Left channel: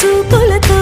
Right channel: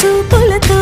చూపులతో